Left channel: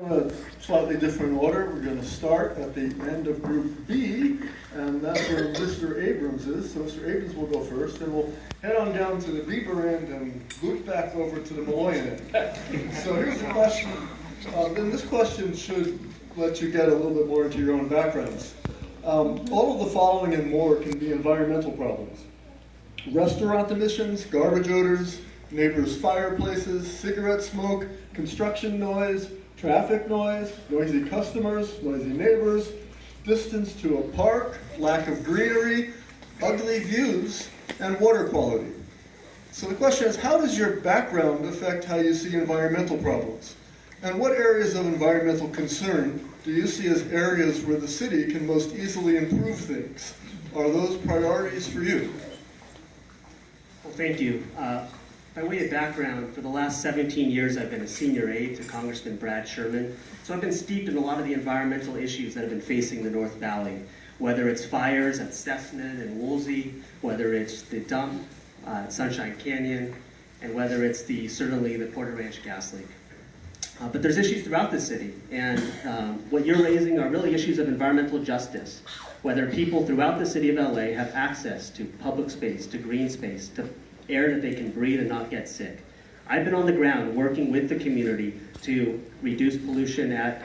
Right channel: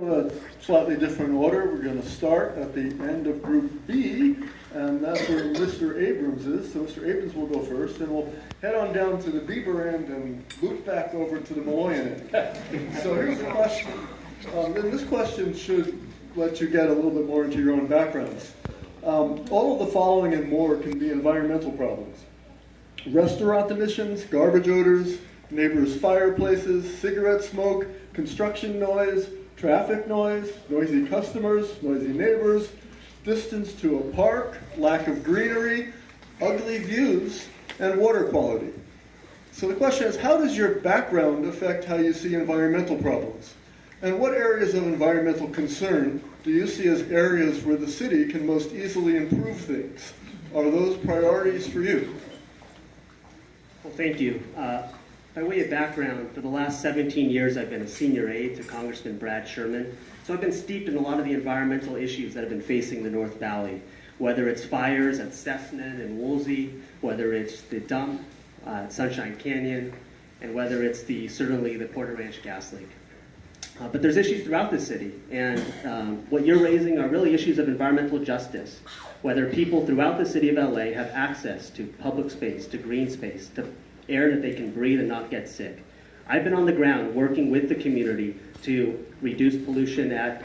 In a slightly different order, we're going to start at the end of Group B, and that's where Mr. Abrams is. So Mr. Abrams will go first, and we'll head on down to the Bieber end and loop back over to the Malloy end. So here's the question. Then this question should let you get a little bit more into your own backgrounds. All of the following and more can be environmental problems. Restaurant emissions, garbage odors, neighbors' fireplaces, cigarette smoke, construction noise, traffic noise, noisy customers, noisy neighbors, distance to a park, lack of greenery, ugly views, and water quality. So the question is, how does your background affect how you see environmental problems? And what areas of environmental concern do you see as areas where the city can most easily improve things? Are those priorities for you? Well, thank you. By way of background, for the last 17 years I've been a senior aide to Congressman Brad Sherman, so I've been steeped in a lot of the environmental issues that have been facing the North Valley, whether it's fires at Cessnan and Woolsey, whether it's the dump at Sunshine Canyon, and whether it's certainly the Porter Ranch gas leak. But there's issues throughout the city, and what you're raising are really issues of environmental justice, whether people throughout the city of LA have access to public space, to green space, to air that they can breathe and not get sick. I've been on the ground working with the community to reduce pollution at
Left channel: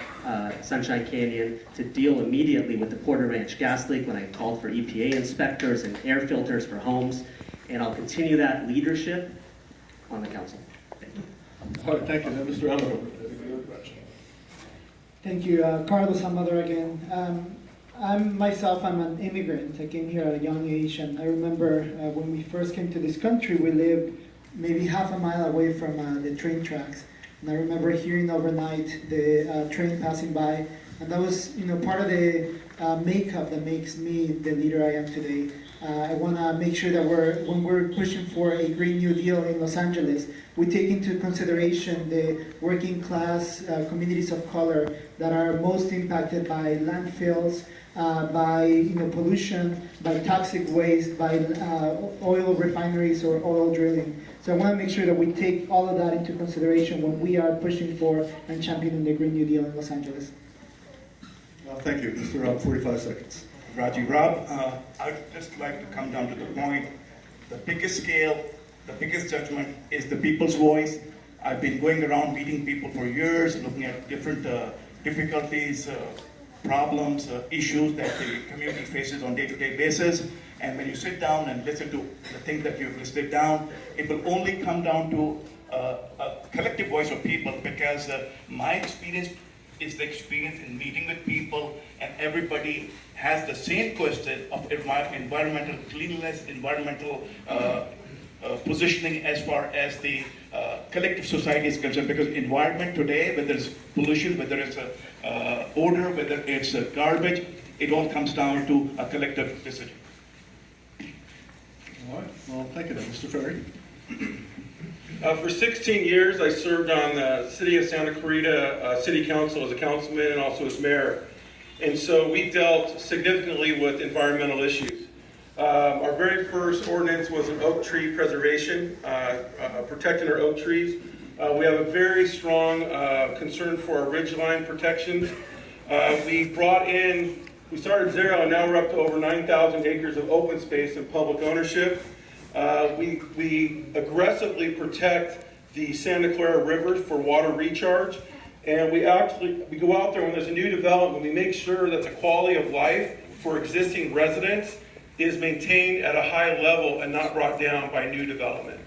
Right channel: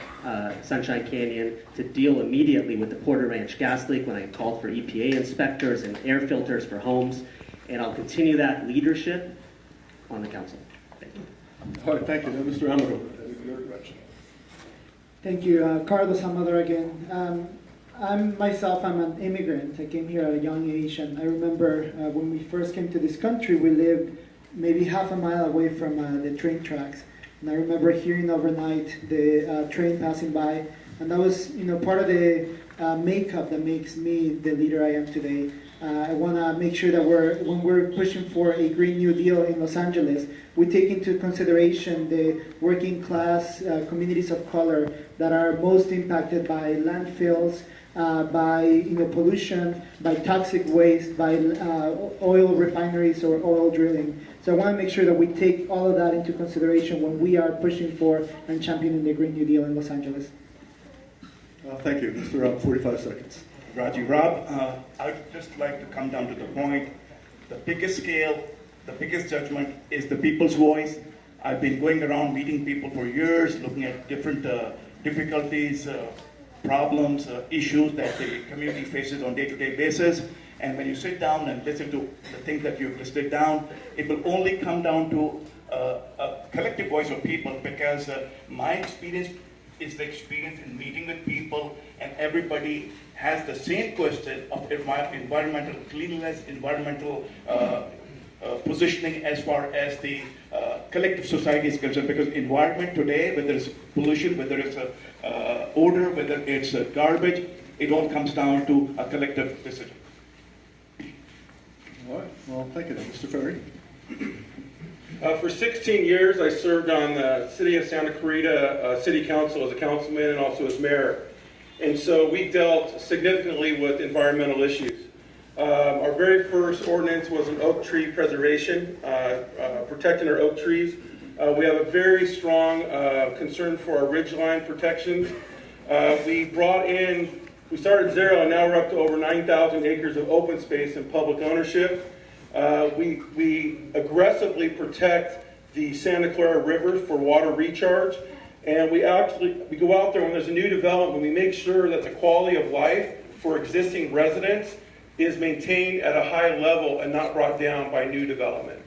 Sunshine Canyon, to deal immediately with the Porter Ranch gas leak when I called for EPA inspectors and air filters for homes, and I'll continue that leadership on the council. Thank you. All right, thank you. Now, Mr. Allen. Thank you. Carlos Amador again. I'm an immigrant. I came here at a young age, and I remember when we first came to this country, we lived maybe half a mile away from the train tracks. And I remember hearing overnight the train passing by, and that was, part of the makeup that makes me the leader I am today. I want to make sure that when we're pushing for a Green New Deal in Los Angeles, we take into consideration the working class communities of color that are most impacted by landfills, by pollution, by toxic waste, by oil refineries or oil drilling. So I want to make sure that we take all of that into consideration when we are pushing for and championing the Green New Deal in Los Angeles. Thank you. Mr. Rob, 45 seconds. Raji, Rob, I would just like to come down to the point. The biggest scale, the biggest judgment is the people's voice. I've been going around meeting people for years, looking at different difficulties, problems, issues that the community faces on a day-to-day basis. And when you sit down and listen to the things that you've listed down, it will only come down to a collective voice of people, because my experience is the experience in meeting with people, and everybody has the same question of environmental cleanliness, environmental positioning as far as the collective society is concerned. Because environment today, whether it's pollution, whether it's odor, whether it's garbage, it all comes down to a collective decision. All right. Well, thank you, Mr. Ferry. For 16 years, I served on the City of Santa Clarita City Council as a councilman and also as mayor. And so we dealt significantly with environmental issues. Our very first ordinance was an oak tree preservation, protecting our oak trees. We have a very strong concern for our ridgeline protections. We started zero, and now we're up to over 9,000 acres of open space and public ownership. We aggressively protect the Santa Clara River for water recharge, and we go out there when there's a new development. We make sure that the quality of life for existing residents is maintained at a high level and not brought down by new development.